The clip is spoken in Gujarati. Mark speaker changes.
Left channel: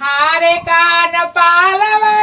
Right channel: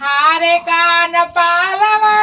Speaker 1: હારે કાન પાલવા.